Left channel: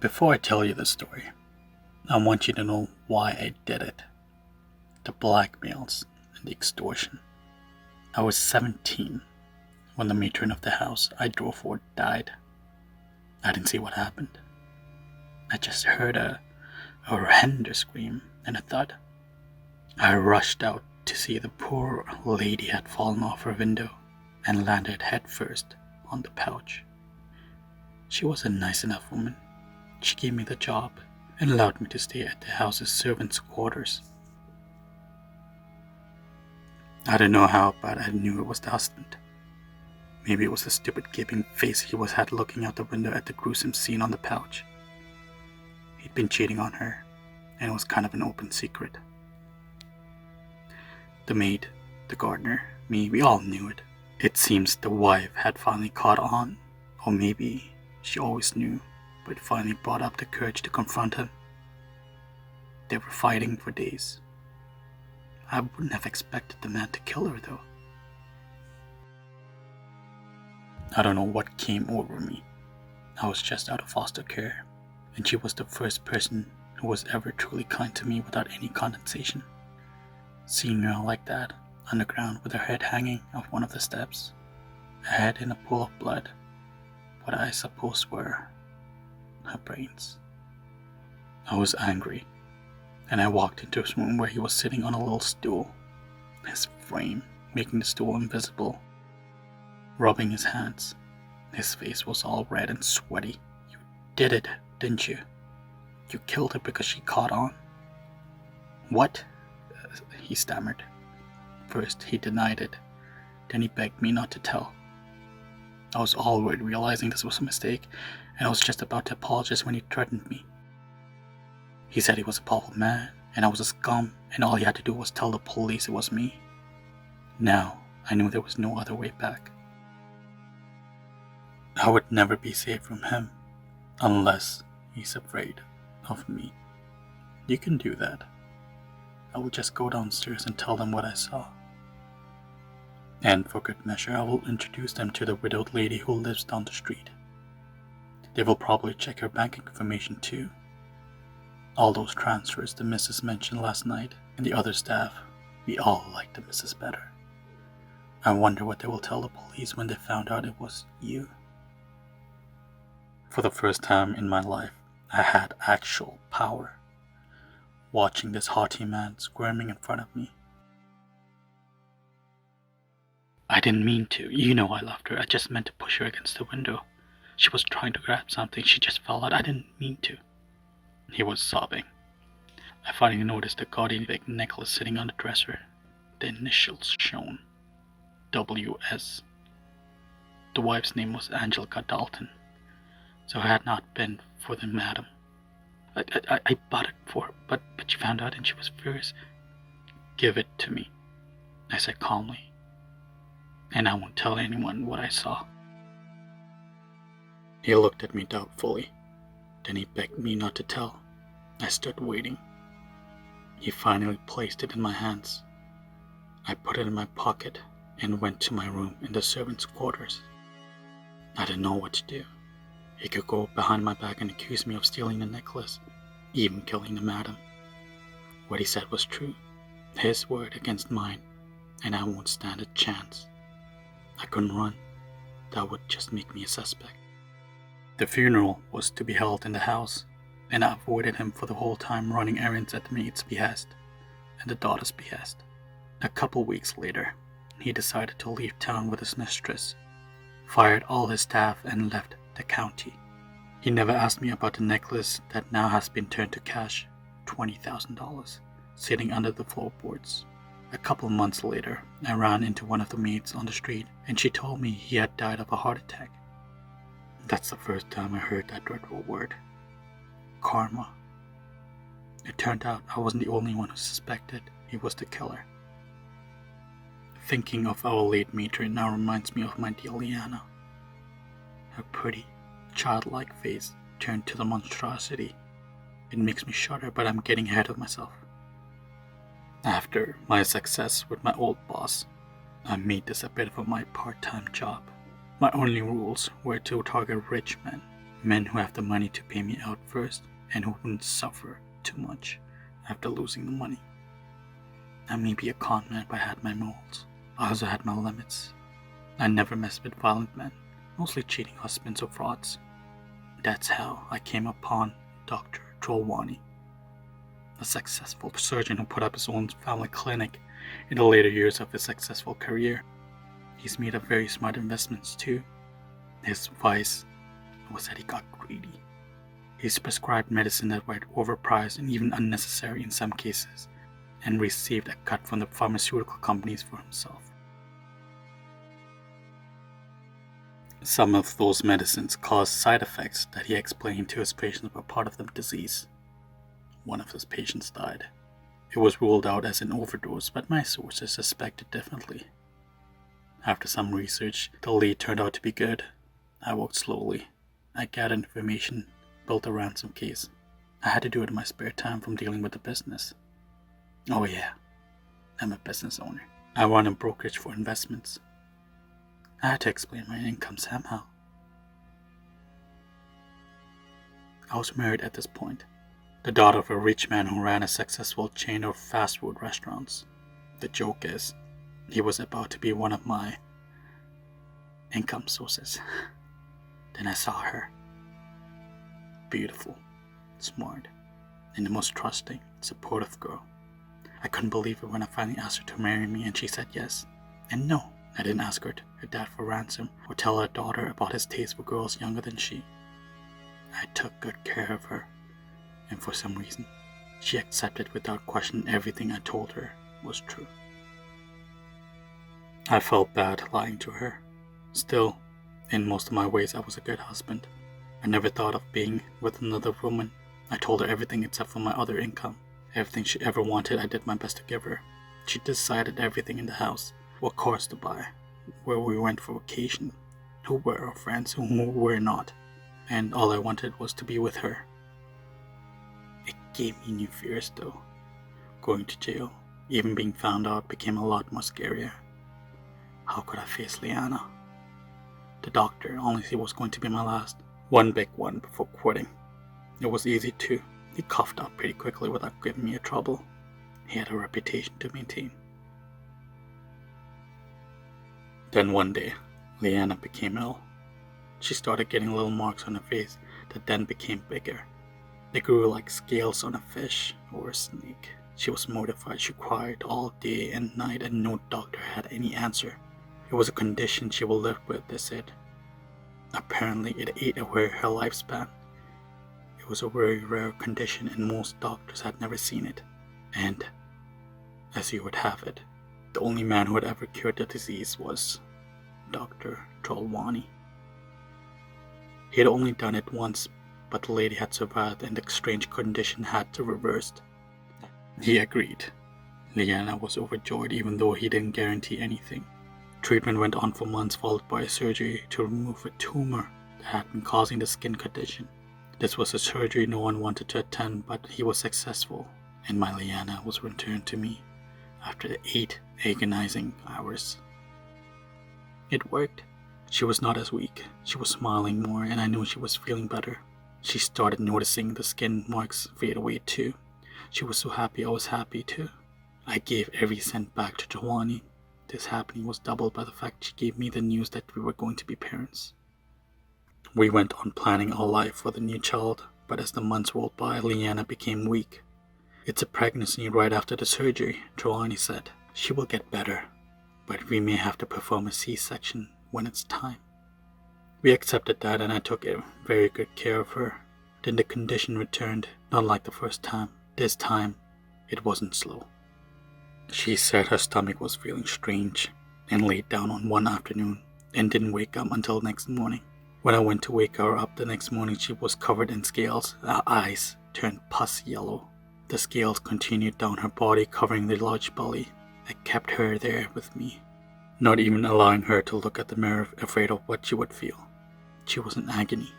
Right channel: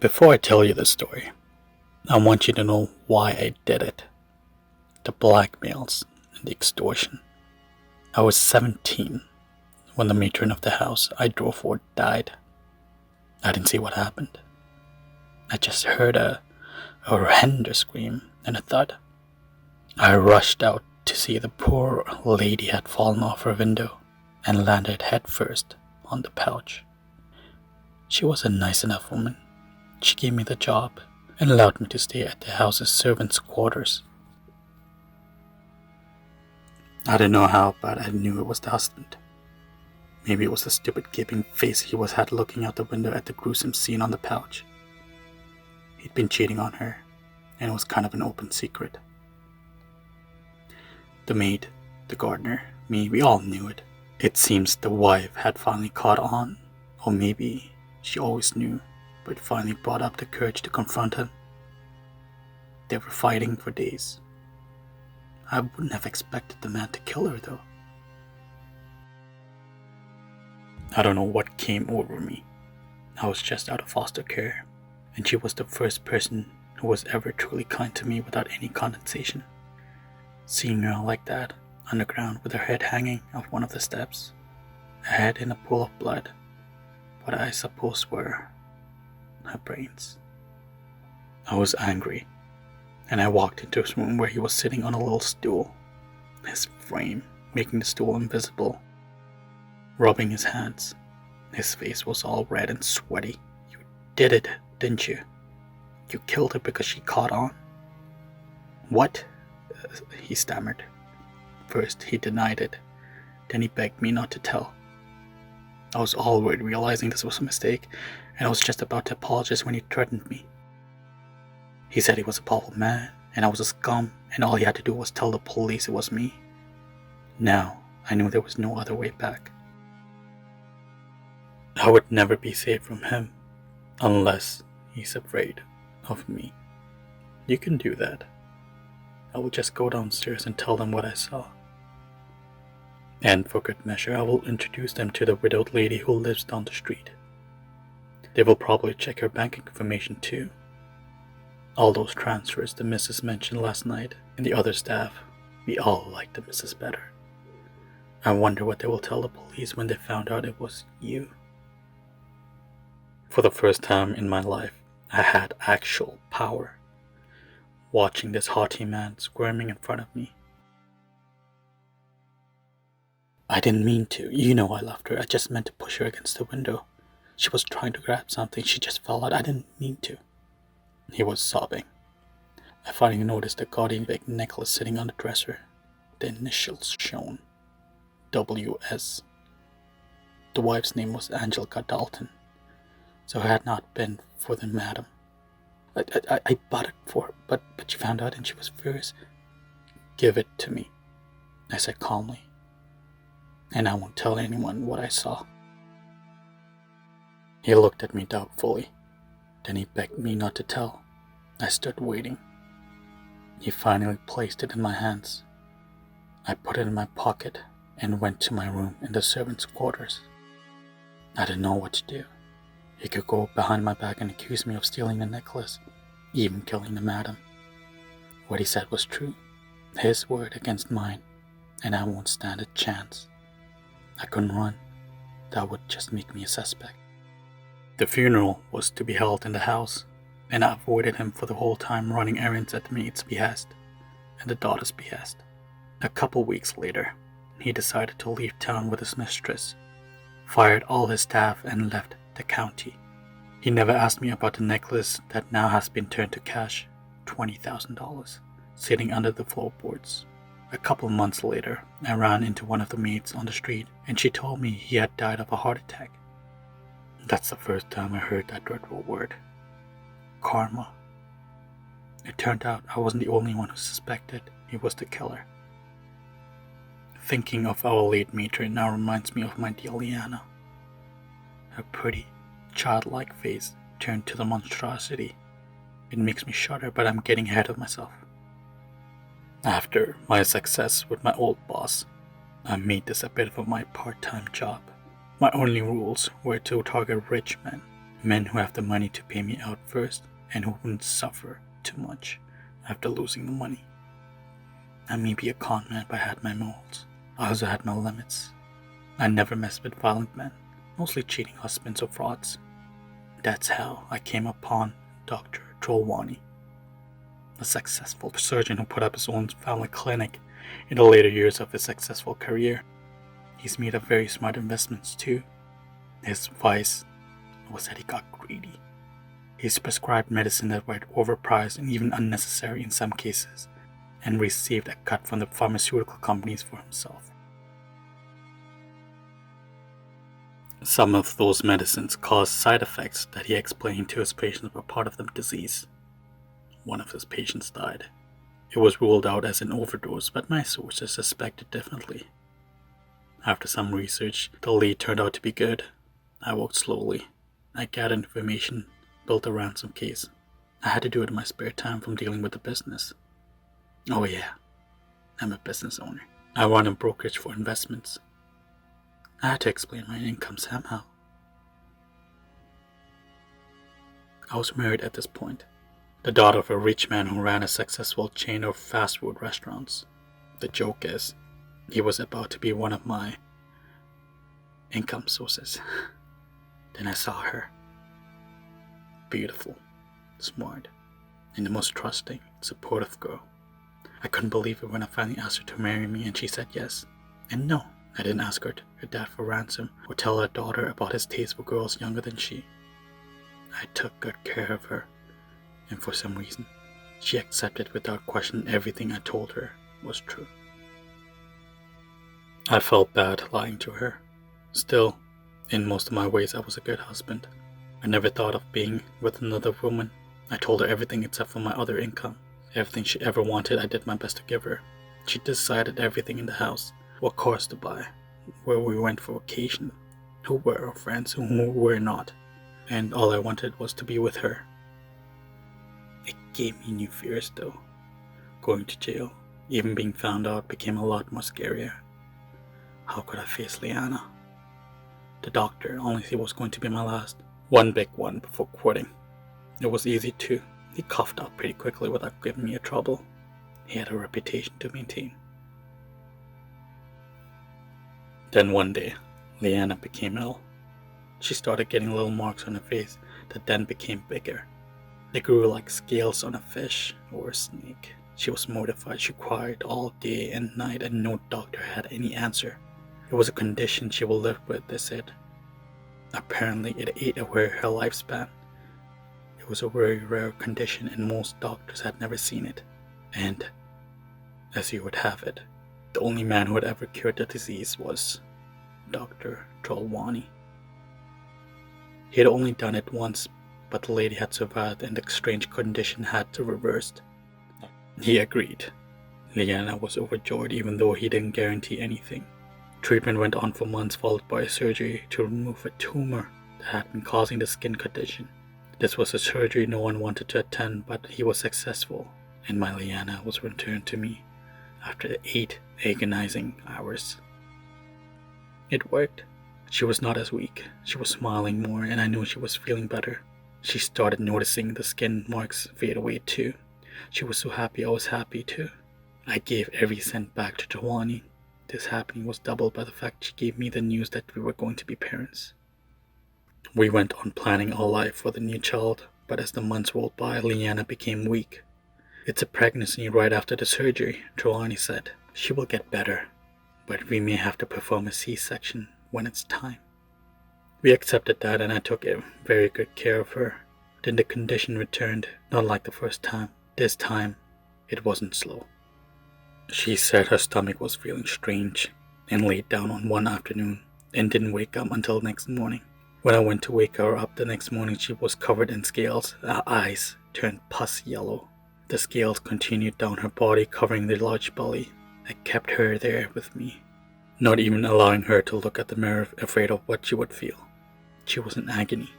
Before I tell you the story, I want you to know why I did it. The blackmails and the extortion. I was 17 when the matron of the house I drove for died. I didn't see what happened. I just heard a horrendous scream and a thud. I rushed out to see the poor lady had fallen off her window and landed headfirst on the couch. She was a nice enough woman. She gave me the job and allowed me to stay at the house's servants' quarters. I don't know how, but I knew it was the husband. Maybe it was the stupid gaping face he had looking out the window at the gruesome scene on the couch. He'd been cheating on her, and it was kind of an open secret. The maid, the gardener, me, we all knew it. It seems the wife had finally caught on, or maybe she always knew, but finally brought up the courage to confront him. They were fighting for days. I wouldn't have expected the man to kill her, though. I don't know what came over me. I was just out of foster care, and she was the first person who was ever truly kind to me without any condensation. Seeing her like that, underground with her head hanging off one of the steps, her head in a pool of blood, what I suppose were her brains. I was angry, and I walked into his room where he was sitting on a little stool, his frame making the stool invisible, rubbing his hands. His face was all red and sweaty. "You did it, didn't you? You killed her because she caught on?" "What?" He stammered. First he denied it, then he begged me not to tell. I was already realizing this was a mistake, and I was just about to apologize when he threatened me. He said he was a powerful man, and I was a scum, and all he had to do was tell the police it was me. Now I knew there was no other way back. I would never be safe from him, unless he's afraid of me. "You can do that. I will just go downstairs and tell them what I saw. And for good measure, I will introduce them to the widowed lady who lives down the street. They will probably check her bank information too. All those transfers the missus mentioned last night, and the other staff, we all like the missus better. I wonder what they will tell the police when they found out it was you." For the first time in my life, I had actual power. Watching this haughty man squirming in front of me. "I didn't mean to. You know I loved her. I just meant to push her against the window. She was trying to grab something. She just fell out. I didn't mean to." He was sobbing. I finally noticed the gaudy big necklace sitting on the dresser. The initials shown. WS. The wife's name was Angelica Dalton, so it had not been for the madam. I bought it for her, but she found out and she was furious. "Give it to me," I said calmly, "and I won't tell anyone what I saw." He looked at me doubtfully. Then he begged me not to tell. I stood waiting. He finally placed it in my hands. I put it in my pocket and went to my room in the servants' quarters. I didn't know what to do. He could go behind my back and accuse me of stealing the necklace, even killing the madam. What he said was true. His word against mine, and I won't stand a chance. I couldn't run. That would just make me a suspect. The funeral was to be held in the house, and I avoided him for the whole time, running errands at the maid's behest and the daughter's behest. A couple weeks later, he decided to leave town with his mistress, fired all his staff, and left the county. He never asked me about the necklace that now has been turned to cash, $20,000, sitting under the floorboards. A couple months later, I ran into one of the maids on the street, and she told me he had died of a heart attack. That's the first time I heard that dreadful word. Karma. It turned out I wasn't the only one who suspected he was the killer. Thinking of our late matron now reminds me of my dear Liana. Her pretty, childlike face turned to the monstrosity. It makes me shudder, but I'm getting ahead of myself. After my success with my old boss, I made this a bit of my part-time job. My only rules were to target rich men, Men who have the money to pay me out first and who wouldn't suffer too much after losing the money. I may be a con man, but I had my morals. I also had my limits. I never messed with violent men, mostly cheating husbands or frauds. That's how I came upon Dr. Trelawney, a successful surgeon who put up his own family clinic in the later years of his successful career. He's made up very smart investments too. His vice was that he got greedy. He's prescribed medicine that were overpriced and even unnecessary in some cases, and received a cut from the pharmaceutical companies for himself. Some of those medicines caused side effects that he explained to his patients were part of the disease. One of his patients died. It was ruled out as an overdose, but my sources suspected differently. After some research, the lead turned out to be good. I worked slowly. I gathered information, built a ransom case. I had to do it in my spare time from dealing with the business. Oh yeah, I'm a business owner. I run a brokerage for investments. I had to explain my income somehow. I was married at this point, the daughter of a rich man who ran a successful chain of fast food restaurants. The joke is, he was about to be one of my income sources. Then I saw her. Beautiful, smart, and the most trusting, supportive girl. I couldn't believe it when I finally asked her to marry me and she said yes. And no, I didn't ask her dad for ransom or tell her daughter about his taste for girls younger than she. I took good care of her, and for some reason, she accepted without question everything I told her was true. I felt bad lying to her. Still, in most of my ways, I was a good husband. I never thought of being with another woman. I told her everything except for my other income. Everything she ever wanted, I did my best to give her. She decided everything in the house, what cars to buy, where we went for vacation, who were our friends, who were not, and all I wanted was to be with her. It gave me new fears though. Going to jail, even being found out, became a lot more scarier. How could I face Liana? The doctor only said it was going to be my last. One big one before quitting. It was easy too. He coughed up pretty quickly without giving me a trouble. He had a reputation to maintain. Then one day, Liana became ill. She started getting little marks on her face that then became bigger. They grew like scales on a fish or a snake. She was mortified. She cried all day and night and no doctor had any answer. It was a condition she will live with, they said. Apparently it ate away her lifespan. It was a very rare condition and most doctors had never seen it. And, as you would have it, the only man who had ever cured the disease was Dr. Trelawney. He had only done it once, but the lady had survived and the strange condition had to reversed. He agreed. Liana was overjoyed even though he didn't guarantee anything. Treatment went on for months, followed by a surgery to remove a tumor that had been causing the skin condition. This was a surgery no one wanted to attend, but he was successful, and my Liana was returned to me after 8 agonizing hours. It worked. She was not as weak. She was smiling more, and I knew she was feeling better. She started noticing the skin marks fade away too. She was so happy I was happy too. I gave every cent back to Joanie. This happening was doubled by the fact she gave me the news that we were going to be parents. We went on planning our life for the new child, but as the months rolled by, Liana became weak. It's a pregnancy right after the surgery, Joanie said. She will get better, but we may have to perform a C-section when it's time. We accepted that and I took very good care of her. Then the condition returned, not like the first time. This time, it wasn't slow. She said her stomach was feeling strange and laid down on one afternoon and didn't wake up until next morning. When I went to wake her up the next morning, she was covered in scales. Her eyes turned pus yellow. The scales continued down her body, covering the large belly. I kept her there with me, not even allowing her to look at the mirror, afraid of what she would feel. She was in agony.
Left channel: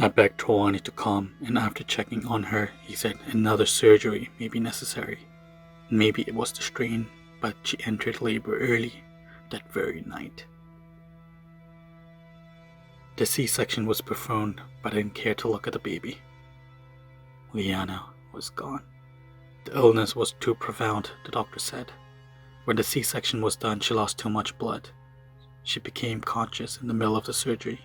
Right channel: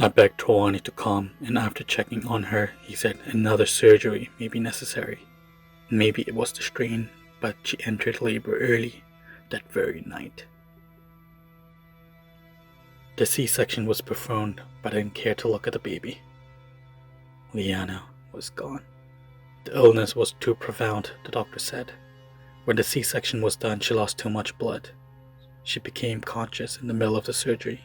I begged Trelawney to come, and after checking on her, he said another surgery may be necessary. Maybe it was the strain, but she entered labor early that very night. The C-section was performed, but I didn't care to look at the baby. Liana was gone. The illness was too profound, the doctor said. When the C-section was done, she lost too much blood. She became conscious in the middle of the surgery.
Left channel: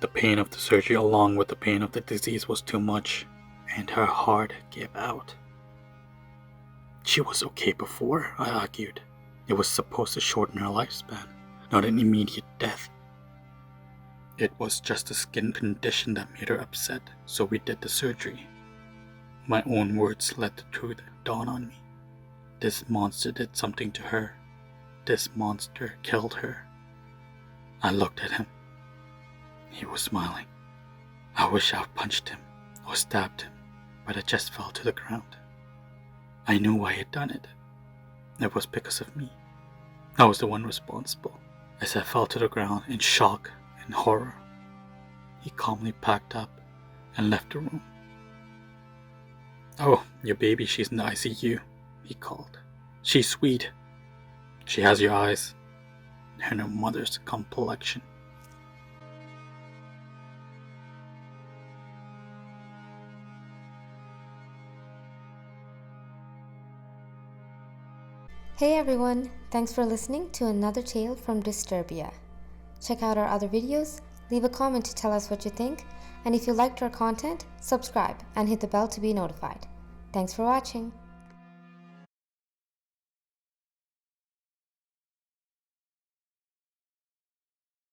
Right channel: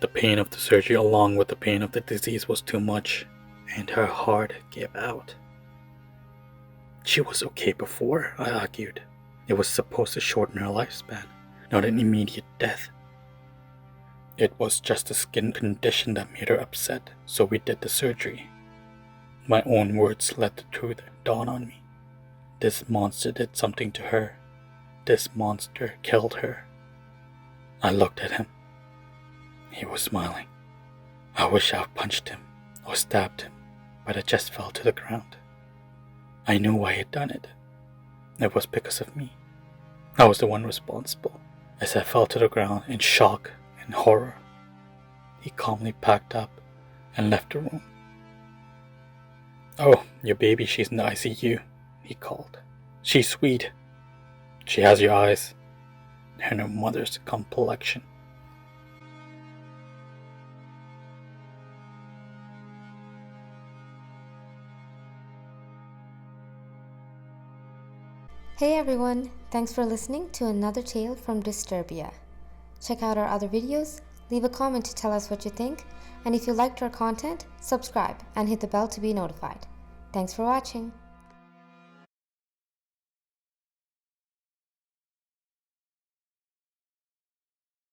The pain of the surgery along with the pain of the disease was too much, and her heart gave out. She was okay before, I argued. It was supposed to shorten her lifespan, not an immediate death. It was just a skin condition that made her upset, so we did the surgery. My own words let the truth dawn on me. This monster did something to her. This monster killed her. I looked at him. He was smiling. I wish I had punched him or stabbed him, but I just fell to the ground. I knew why he had done it. It was because of me. I was the one responsible. As I fell to the ground in shock and horror, he calmly packed up and left the room. "Oh, your baby, she's in the ICU," he called. "She's sweet. She has your eyes and her mother's complexion." Hey everyone, thanks for listening to another tale from Disturbia. Check out our other videos, leave a comment to tell us what you think, and if you liked our content, subscribe and hit the bell to be notified. Thanks for watching.